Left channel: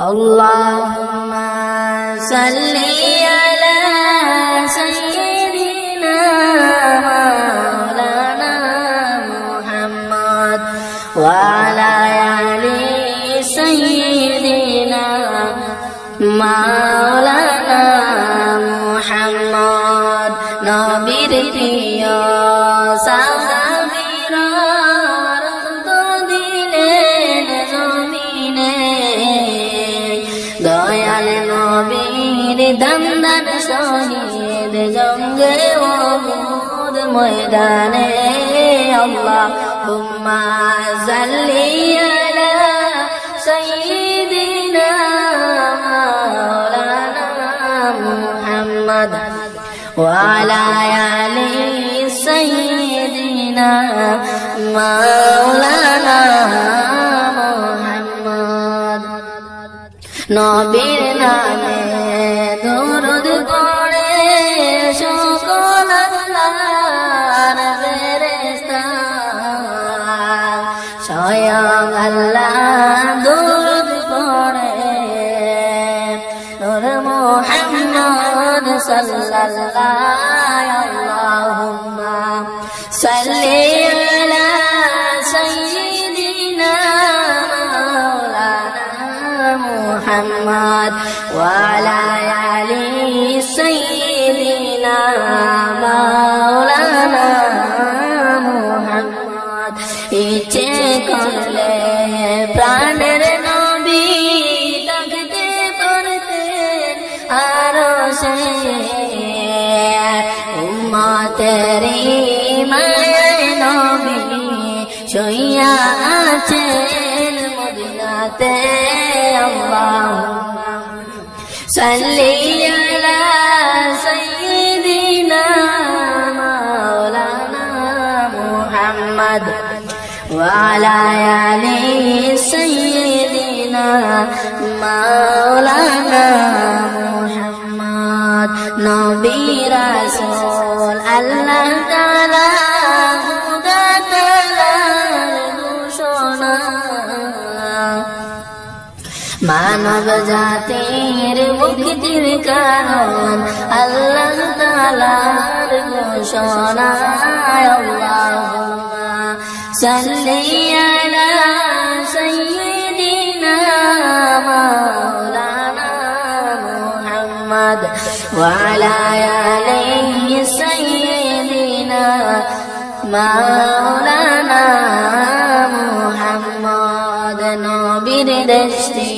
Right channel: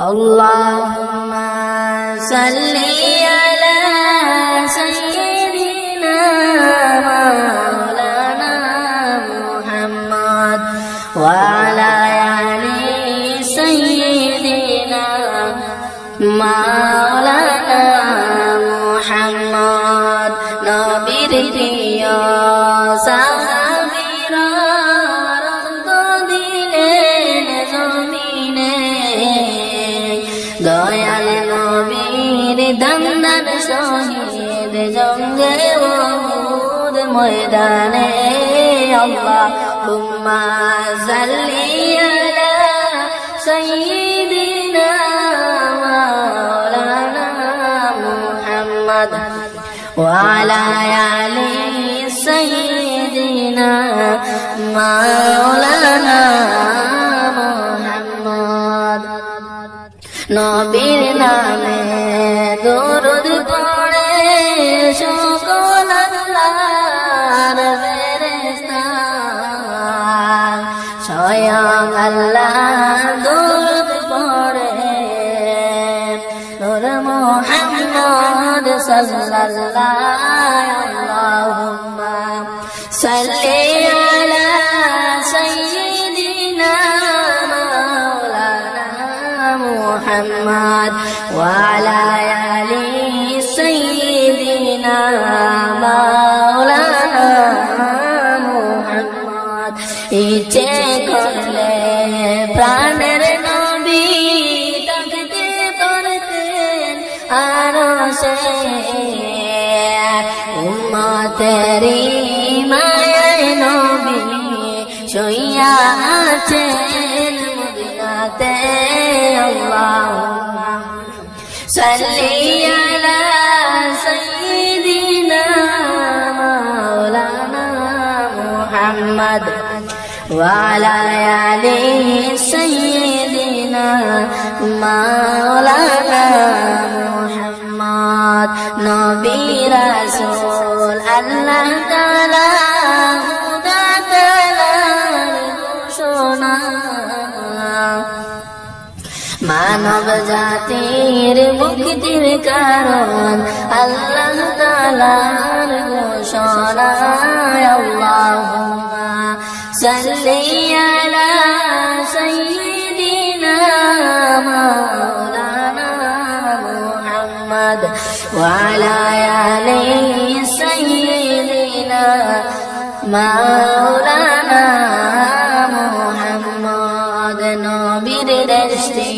اللهم صل على سيدنا مولانا محمد وعلى آل سيدنا مولانا محمد নবীর প্রিয় সাহাবীরা রক্ত দিলেন জমিনে দয়াল নবীর দমদার শহীদ জঙ্গে উহুদ ময়দানে আল্লাহুম্মা সাল্লি আলা সাইয়্যিদিনা মাওলানা মুহাম্মদ وعلى آل سيدنا مولانا محمد নবীর নামে দরুদ পড়ে সকল আল্লাহর ফেরেশতা স্বয়ং আল্লাহ দরুদ পড়ে নূর মুহাম্মদ সাল্লাল্লাহু আল্লাহুম্মা সাল্লি আলা সাইয়্যিদিনা মাওলানা মুহাম্মদ ওয়া আলা আলি সাইয়্যিদিনা মাওলানা মুহাম্মদ ইচ্ছে করলে প্রাণের নবী থাকতে পারতেন আরশে উম্মতেরি মায়ায় নবী শুইয়া আছেন মদিনাতে আল্লাহুম্মা সাল্লি আলা সাইয়্যিদিনা মাওলানা মুহাম্মদ ওয়া আলা আলি সাইয়্যিদিনা মাওলানা মুহাম্মদ নবী রাসূল আল্লাহ তাআলা খুদা তাআলার ঘোষণা মানব জাতির মুক্তির কারণ আল্লাহ তাআলার ঘোষণা আল্লাহুম্মা সাল্লি আলা সাইয়্যিদিনা মাওলানা মুহাম্মদ ওয়া আলা আলি সাইয়্যিদিনা মাওলানা মুহাম্মদ নবীর দৃষ্টি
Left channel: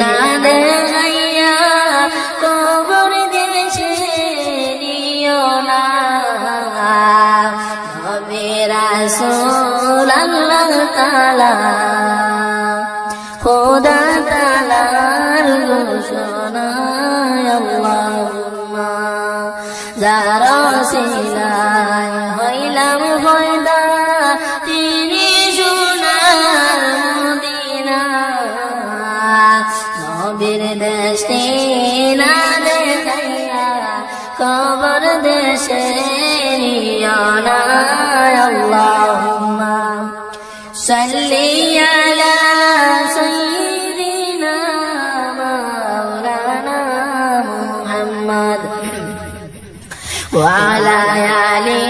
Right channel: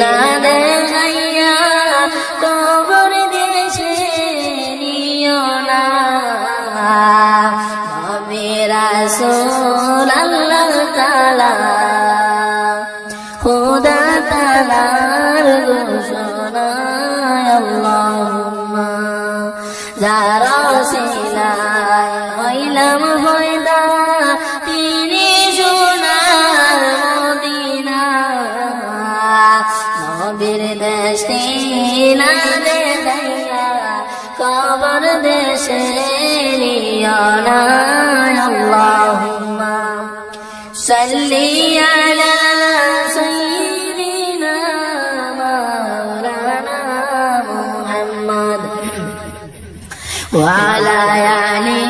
না দেখাইয়া কবর দেশে নিও না নবী রাসূল আল্লাহ তাআলা খুদা তাআলার ঘোষণা আল্লাহুম্মা যার ওসিলায় হইলাম হয়দা তিনি সোনার মদিনা নবীর দৃষ্টি না দেখাইয়া কবর দেশে নিও না আল্লাহুম্মা সাল্লি আলা সাইয়্যিদিনা মাওলানা মুহাম্মদ ওয়া আলা আলি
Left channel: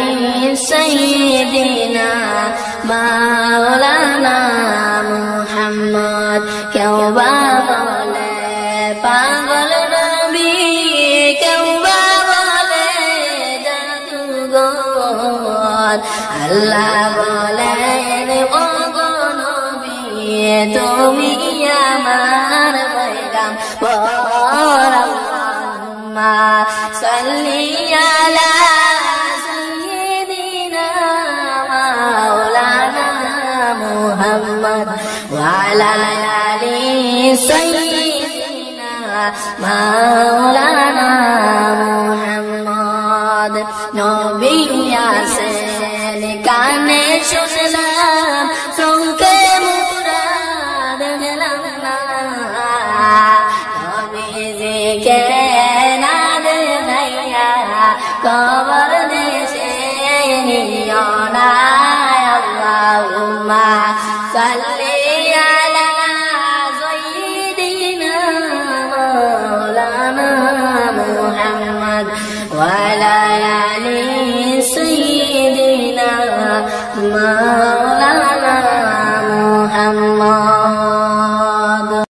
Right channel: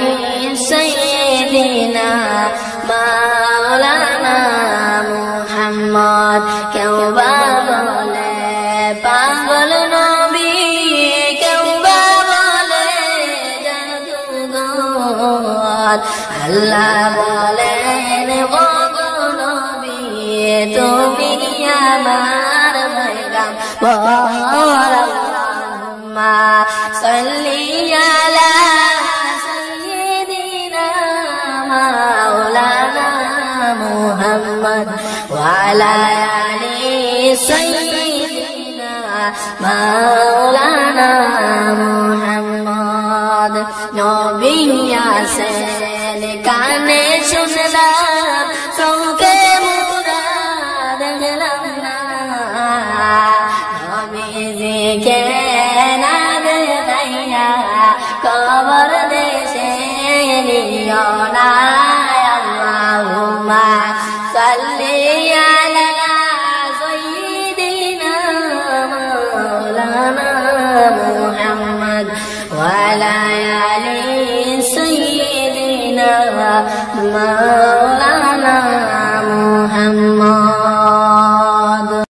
সাইয়্যিদিনা মাওলানা মুহাম্মদ কেউ বা বলে পাগল নবী কেউ বা বলে জাদুঘর আল্লাহ বলেন ও গো নবী তুমি আমার পয়গম্বর আল্লাহুম্মা সাল্লি আলা সাইয়্যিদিনা মাওলানা মুহাম্মদ ওয়া আলা আলি সাইয়্যিদিনা মাওলানা মুহাম্মদ নবী আসেন কানে শুনলাম চোখে মুরাদ গেলাম না নবীজিকে না দেখাইয়া কবর দেশে নিও না আল্লাহুম্মা সাল্লি আলা সাইয়্যিদিনা মা